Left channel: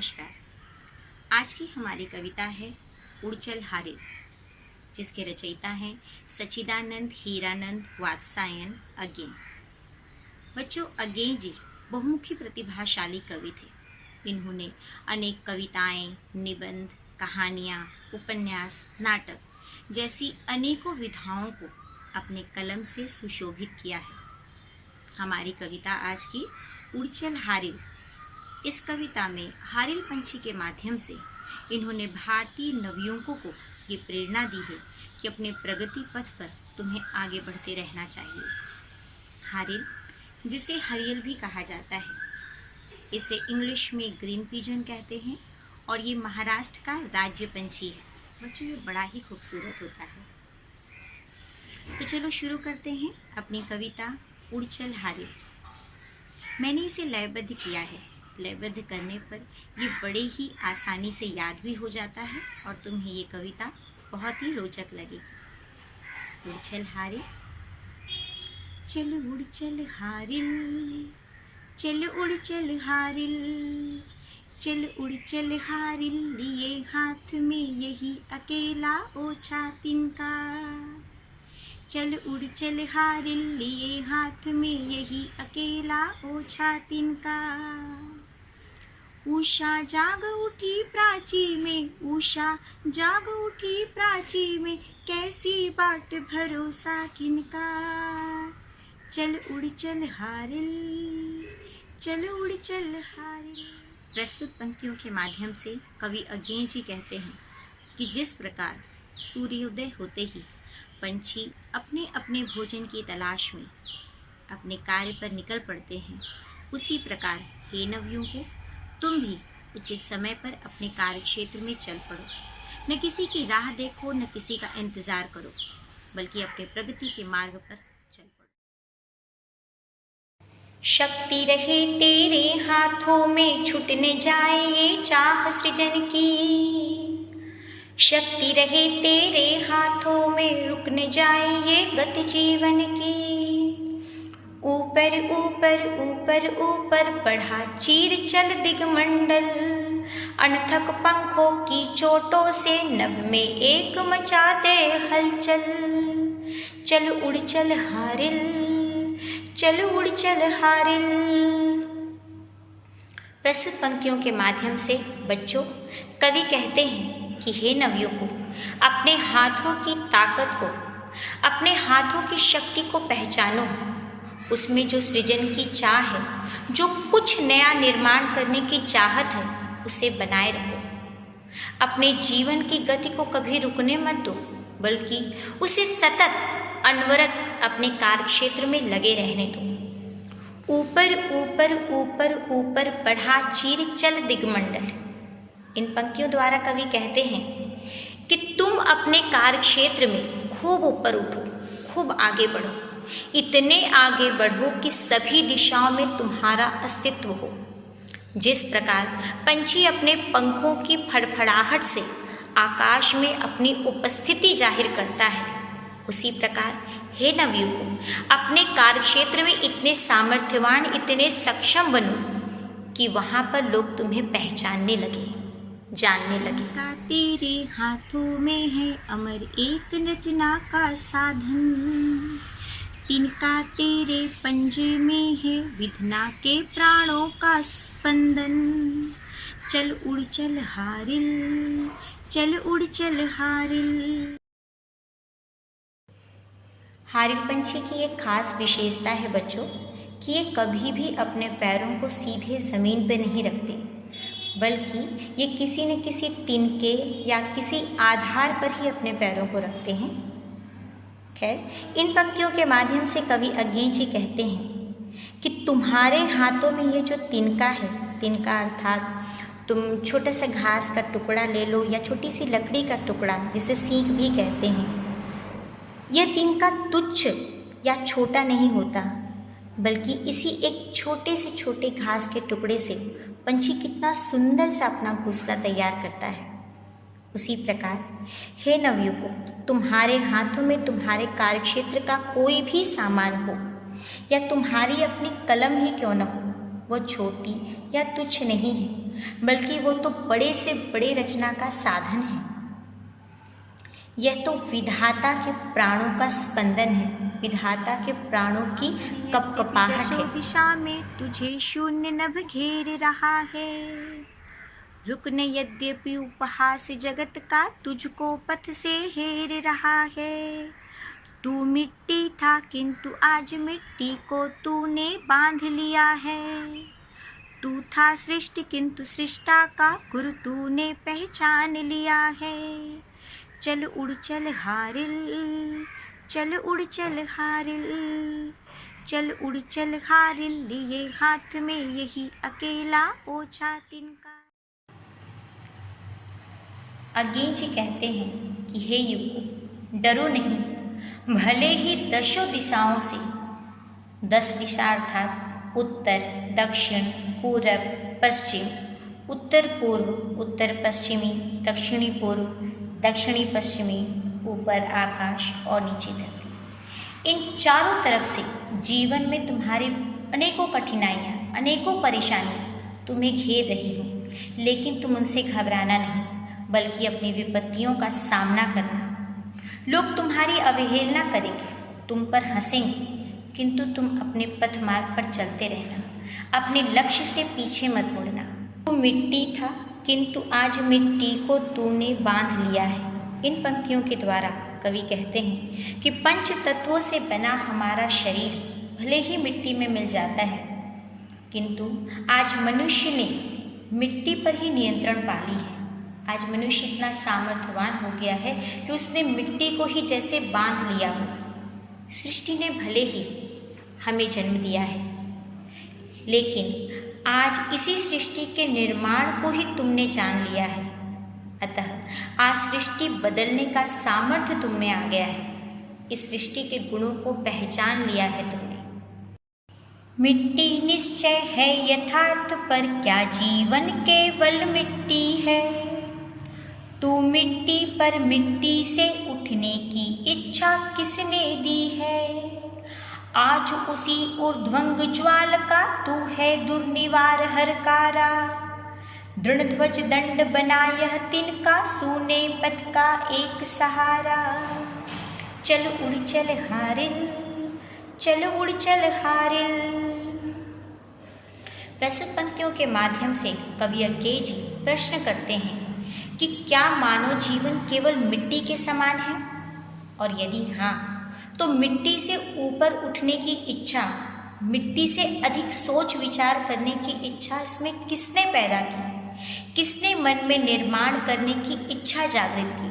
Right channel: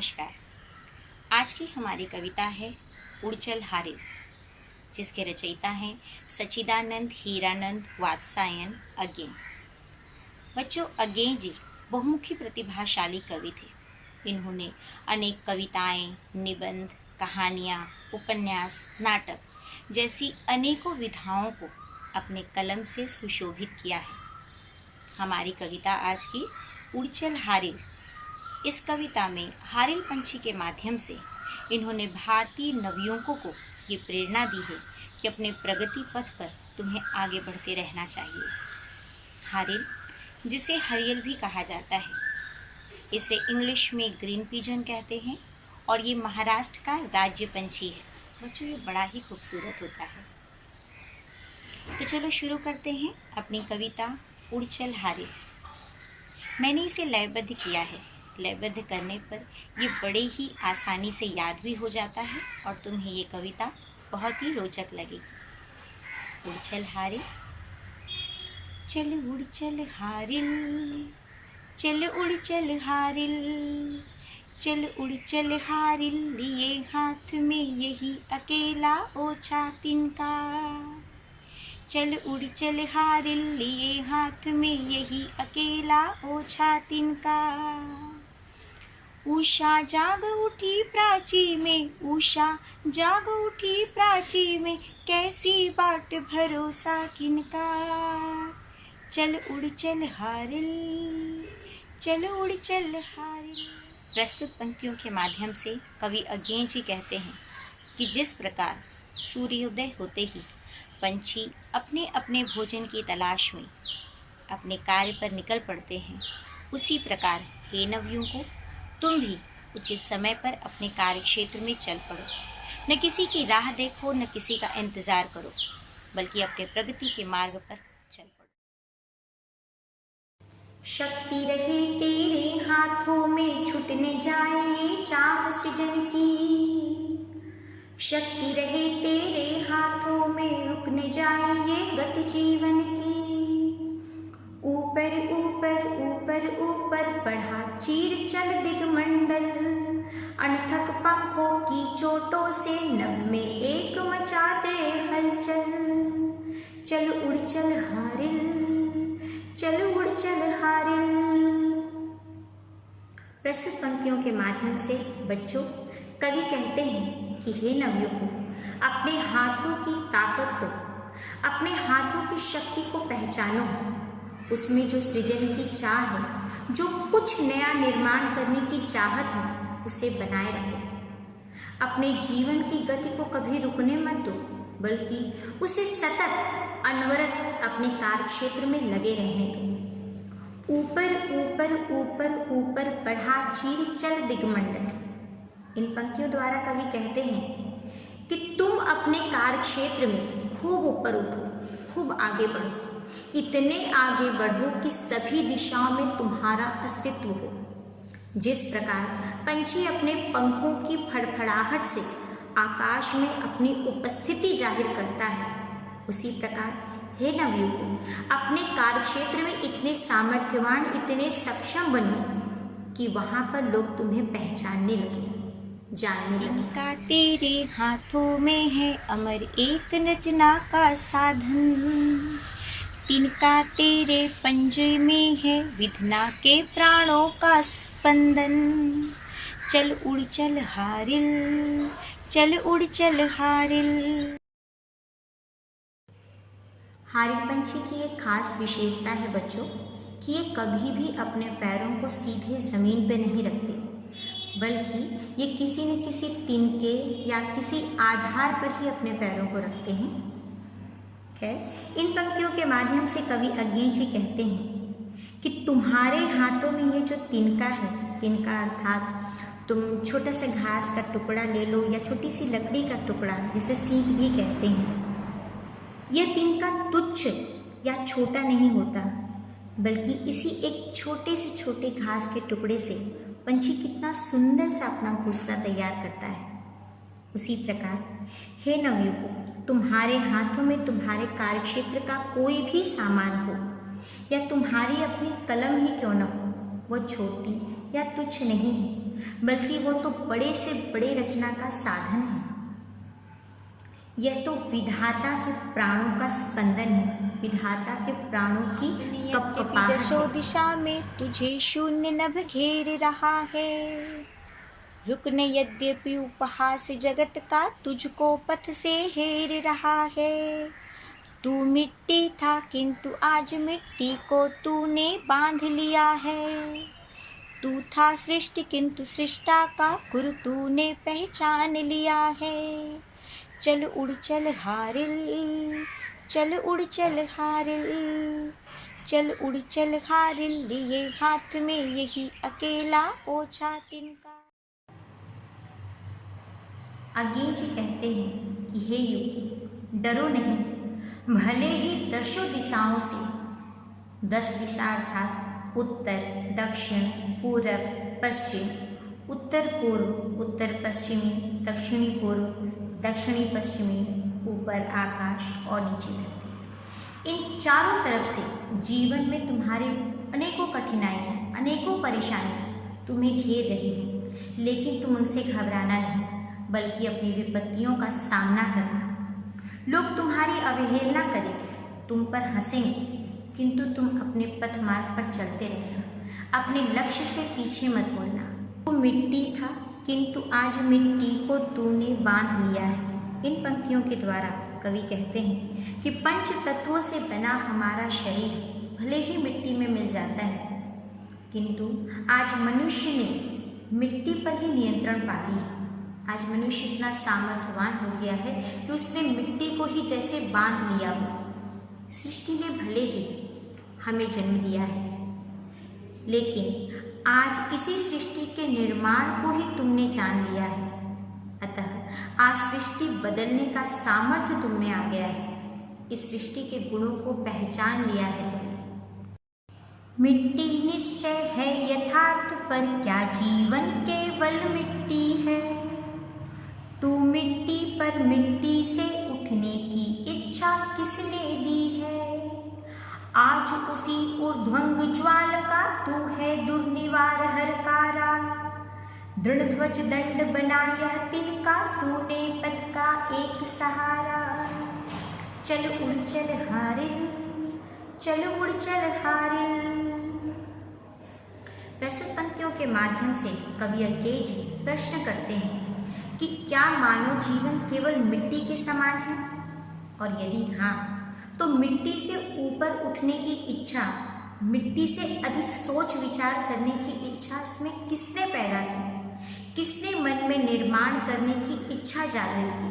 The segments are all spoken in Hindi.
नमस्कार। आज की हमारी कविता है उड़चल हारिल, जिसके रचयिता हैं सच्चिदानंद हीरानंद वात्सायन अज्ञे। बच्चों, अज्ञे जी बहुमुखी प्रतिभाशाली कवि थे। इन्होंने अनेक कविताएं, निबंध, कहानियां, उपन्यास, नाटक जैसी अनेकों विधाओं को अपने कलम से सुशोभित किया है। हमारी कविता आज की उड़चल हारिल। इस कविता में हारिल पंछी के माध्यम से इन्होंने भारतीय नवयुवकों को ये प्रेरणा दी है कि अपने प्रगति पथ पर तुम्हें आगे बढ़ते रहना चाहिए। हारिल, जिसे हरियल भी कहा जाता है, इसे इंग्लिश में ग्रीन पिजन कहते हैं और ये महाराष्ट्र का राज्य पंछी है। बच्चों, ये बड़ा ही खूबसूरत होता है। तो चलो शुरू करते हैं अपनी कविता उड़चल हारिल। मैंने इसे लयबद्ध किया है। लयबद्ध करने पर ये बड़े ही आसानी से याद भी हो जाता है और तुम्हें ये कविता बहुत ही रोचक लगेगी। उड़चल हारिल। चल उड़चल हारिल, चल उड़चल हारिल, चल उड़चल हारिल, लिए हाथ में यही अकेला ओछा तिनका। चल उड़चल हारिल, लिए हाथ में यही अकेला ओछा तिनका। उषा जाग उठी प्राची में, उषा जाग उठी प्राची में, कैसी बाट भरोसा किनका। चल उड़चल हारिल, चल उड़चल हारिल। प्रस्तुत पंक्तियों के माध्यम से कवि अज्ञे जी कहते हैं कि जिस प्रकार सूर्योदय होते ही पंछी अपने अपने भोजन की तलाश में अपने कार्य पर निकल पड़ते हैं, उसी प्रकार हे नवयुवकों, तुम भी उचित समय पर अपने कार्य क्षेत्र में चल पड़ो। न किसी की राह देखो, न किसी का इंतजार करो, बल्कि अपने प्रगति के मार्ग पर चल पड़ो। शक्ति रहे तेरे हाथों में, छूट न जाए ये चाह सृजन की। शक्ति रहे तेरे हाथों में, रुक न जाए ये गति जीवन की। ऊपर ऊपर ऊपर ऊपर बढ़ा चीर चल दिगमंडल, अनथक पंखों की चोटों से नभ में एक मचा दे हलचल। चल उड़चल हारिल, चल उड़चल हारिल। प्रस्तुत पंक्तियों के माध्यम से बच्चों, कवि कहते हैं कि हे नवयुवकों, अपने हाथों की ताकत को, अपने हाथों की शक्ति को पहचानो। उसमें जो सृजन की चाह है, जो कुछ नया निर्माण करने की चाहत है, उसे बनाए रखो। अपने जीवन की गति को कभी रुकने मत दो, बल्कि उसे सतत अनवरत अपने कार्य क्षेत्र में लगे रहने दो। ऊपर ऊपर ऊपर ऊपर बढ़ा चीर चल दिगमंडल। इन पंक्तियों द्वारा कवि कहते हैं कि तुम अपने कार्य क्षेत्र में खूब ऊपर उठो, खूब आगे बढ़ो, इतने आगे बढ़ो कि सभी दिशाओं में तुम्हारा अस्तित्व हो। जिस प्रकार पंछी अपने पंखों की फड़फड़ाहट से आकाश में अपनी उपस्थिति जाहिर करता है, उसी प्रकार हे नवयुवकों, अपने कार्यक्षेत्र में इतने सामर्थ्यवान, इतने सक्षम बनो कि वहाँ पर लोग तुम्हें पहचानने लगे, जानने लगे। का तेरे हाथों में है अमर एक रचना का साधन, तिनका तेरे पंजे में है विधना के प्राणों का स्पंदन। चल उड़चल हारिल, चल उड़चल हारिल। हारिल पंछी की एक खास विशेषता है बच्चों कि ये कभी भी अपने पैरों को सीधे ज़मीन पर नहीं रखते, बल्कि ये किसी न किसी तिनके या किसी आधार पर ही अपने पैरों को रखते हैं। खैर, इन पंक्तियों के माध्यम से कवि अज्ञे जी कहते हैं कि तुम्हारे हाथों में ये जो तिनका है, तिनका अर्थात तुम छोटा सा घास का टुकड़ा ले लो या छोटी सी लकड़ी का टुकड़ा, जिसे सीख भी कहते हैं, यह तिनका तुच्छ या छोटा नहीं होता, बल्कि इसी एक छोटे से छोटे घास के टुकड़े से पंछी कितना सुंदर सा अपना घोंसला तैयार करता है। उसी प्रकार हे नवयुवकों, तुम्हारे हाथों में तुम्हारे कार्यक्षेत्र का कोई भी सामान हो या तुम्हारी अपनी कलम ही क्यों न हो, वह छोटी या तुच्छ नहीं है, बल्कि वो तो बड़े से बड़े रचना का साधन है। यह तो विधाता के प्राणों का स्पंदन है, विधाता के प्राणों की कपकपाहट है। दिशा में तुझे शून्य नभ घेर रहा है, रुकने यद्यपि उपहास जगत का तुझको पथ से हेर रहा है। तू मिट्टी था किंतु आज मिट्टी को तूने बांध लिया है। तू था सृष्टि किंतु सृष्टा का गुरु तूने पहचान लिया है। चल उड़ चल हारिल, चल उड़ चल हारिल, चल उड़ चल हारिल, लिए हाथ में यही अकेला ओछा तिनका। अज्ञेय जी कहते हैं कि हे युग, डरो नहीं, भले ही दशों दिशाओं से, 10 दिशा अर्थात उत्तर, दक्षिण, पूरब, पश्चिम, उत्तर पूर्व, उत्तर पश्चिमी, दक्षिणी पूर्व, दक्षिणी पश्चिमी, ऊपर आकाश और नीचे धरती, इन चारों तरफ से जीवन में तुम्हारे अनेकों कठिनाइयाँ, अनेकों परेशानियाँ तुम्हें घेर रही हो, लेकिन तुम उनसे घबराना नहीं, बल्कि अपनी विपत्तियों का सामना करना। लोग तुम्हारी अवहेलना करेंगे, तुम पर हंसेंगे, किंतु तुम अपने पथ मार्ग पर चलते रहना, अपने लक्ष्य से पीछे मत मुड़ना। तू मिट्टी था किंतु आज मिट्टी को तूने बांध लिया है। इन पंक्तियों के द्वारा कवि कहते हैं कि पंच तत्वों से बना हमारा शरीर भले ही मिट्टी में मिल जाता है, किंतु आज मनुष्य ने मिट्टी पर ही नियंत्रण पा ली है। आज मनुष्य इतना सामर्थ्यवान हो गया है कि उसने मिट्टी को ही जैसे बांध लिया हो। सृष्टि ने भले ही हमें जन्म दिया है, लेकिन आज इसी सृष्टि के निर्माण को ही तुमने जान लिया है। अतः आज सृष्टि बदलने का सामर्थ्य तुम में आ गया है। इस सृष्टि के गुणों को पहचान लिया है तुमने। मिट्टी निश्चय है यथार्थ, पर क्या जीवन केवल मिट्टी है। तू मिट्टी पर मिट्टी से उठने की इच्छा किसने दी है। आज उसी ऊर्ध्वंग ज्वाल का तू है दुर्निवार हरकारा। दृढ़ ध्वज दंड बना यह तिनका, सूने पथ का एक सहारा। चल उड़ चल हारिल, चल उड़ चल हारिल। प्रस्तुत पंक्तियों के माध्यम से कवि अज्ञेय जी प्रश्न करते हैं कि क्या मानव जीवन केवल मिट्टी के समान है, और यदि हाँ, तो मिट्टी से ऊपर उठने की इच्छा, मिट्टी से अधिक सोच विचार करने की इच्छा इसमें किसने पैदा की, किसने मन में निर्माण करने की इच्छा जागृत की।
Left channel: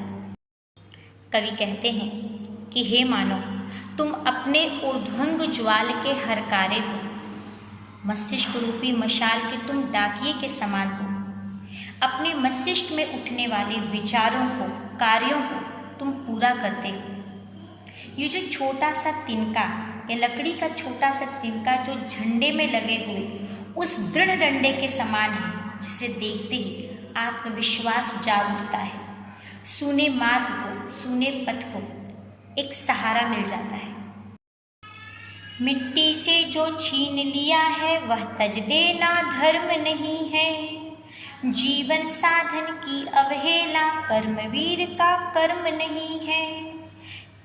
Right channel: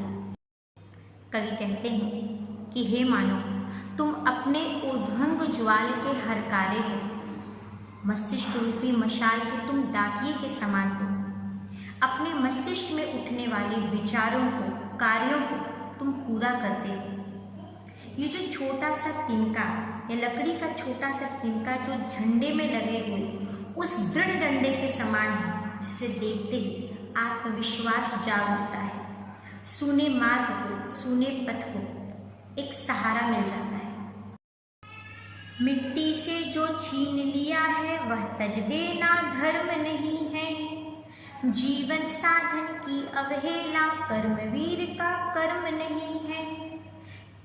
कवि कहते हैं कि हे मानव, तुम अपने ऊर्ध्वंग ज्वाल के हरकारे हो, मस्तिष्क रूपी मशाल के तुम डाकिये के समान हो। अपने मस्तिष्क में उठने वाले विचारों को, कार्यों को तुम पूरा करते हो। ये जो छोटा सा तिनका या लकड़ी का छोटा सा तिनका जो झंडे में लगे हुए उस दृढ़ डंडे के समान है, जिसे देखते ही आत्मविश्वास जाग उठता है। सूने मार्ग को, सूने पथ को एक सहारा मिल जाता है। मिट्टी से जो छीन लिया है वह तज देना धर्म नहीं है। जीवन साधन की अवहेला कर्मवीर का कर्म नहीं है।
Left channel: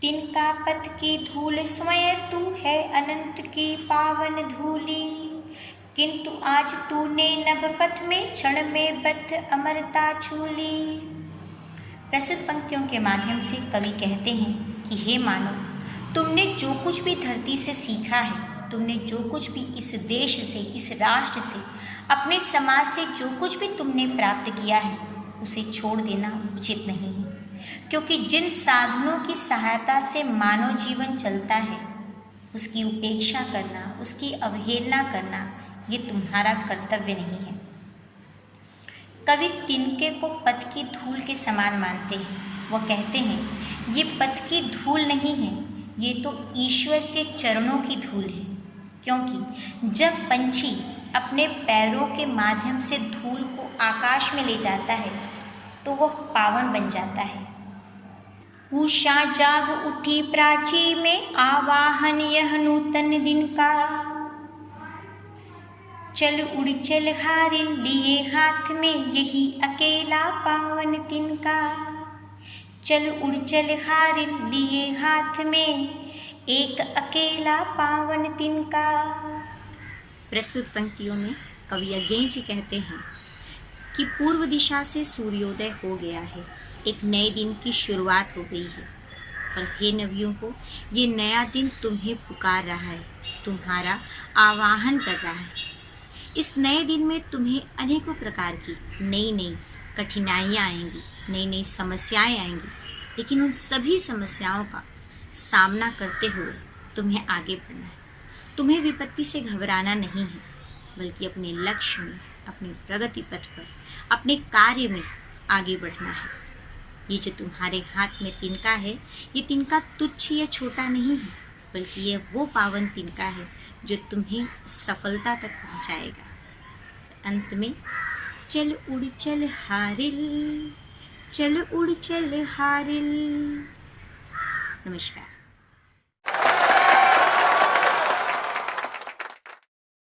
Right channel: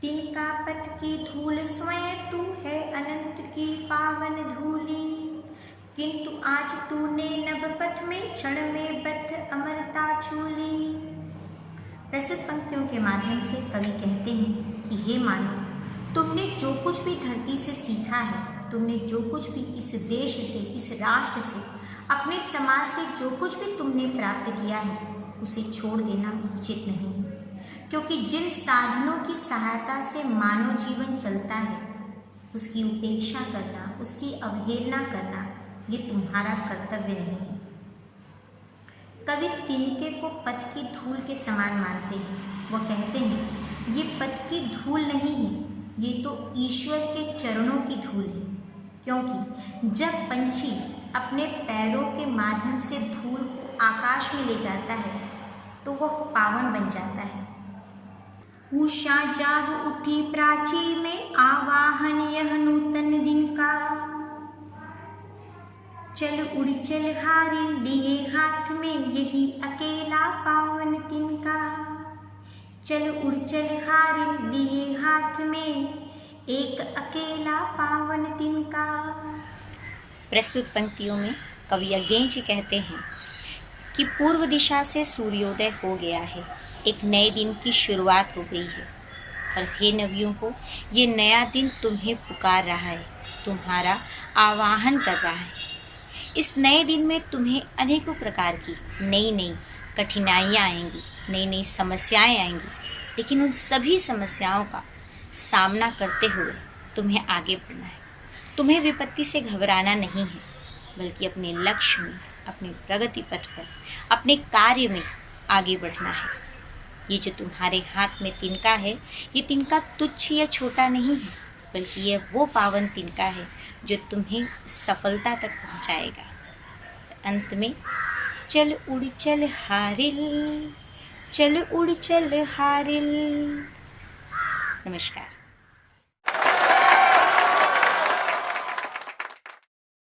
तिनका पथ की धूल स्वयं तू है अनंत की पावन धूली, किंतु आज तूने नभ पथ में क्षण में बद्ध अमरता छूली। प्रस्तुत पंक्तियों के माध्यम से कवि कहते हैं कि हे मानव, तुमने जो कुछ भी धरती से सीखा है, तुमने जो कुछ भी इस देश से, इस राष्ट्र से, अपने समाज से जो कुछ भी तुमने प्राप्त किया है, उसे छोड़ देना उचित नहीं है। क्योंकि जिन साधनों की सहायता से मानव जीवन चलता है, उसकी उपेक्षा करना, उसकी अवहेलना करना, ये तुम्हारा कर्तव्य नहीं है। कवि तिनके को पथ की धूल के समान मानते हैं। वह कहते हैं ये पथ की धूल नहीं है, ये तो ईश्वर के चरणों की धूल है। क्योंकि जब पंछी अपने पैरों के माध्यम से धूल को आकाश में ले जाता है तो वह पावन बन जाता है। उषा जाग उठी प्राची में, आवाहन यह नूतन दिन का। चल उड़ चल हारिल लिए हाथ में यही अकेला पावन तिनका। चल उड़ चल हारिल लिए हाथ में एक अकेला पावन तिनका। प्रस्तुत पंक्तियों में कवि अज्ञेय जी कहते हैं कि पूर्व दिशा से सूर्योदय हो गया है, एक नए दिन की शुरुआत हो गई है। और हे नवियों को, ये नया दिन तुम्हें पुकार रहा है, तुम्हारा आवाहन कर रहा है। इस नए दिन में तुम्हें अनेकों प्रकार की नई नई कठिनाइयाँ आएंगी, नई नई समस्याएं आएंगी, लेकिन उन सभी समस्याओं का सामना करते हुए तुम्हें आगे बढ़ना है। तुम्हें विपत्ति से घबराना नहीं है, बल्कि अपने लक्ष्य में, अपने प्रगति पथ पर, अपने कार्य में आगे बढ़ना है। ये जो तुम्हारे हाथ में तिनका है, ये तिनका तुच्छ या छोटा नहीं है, बल्कि यह वो पावन तिनका है जो तुम्हें सफलता तक पहुंचाएगा। अंत में चल उड़ चल हारिल, चल उड़ चल हारिल। नमस्कार।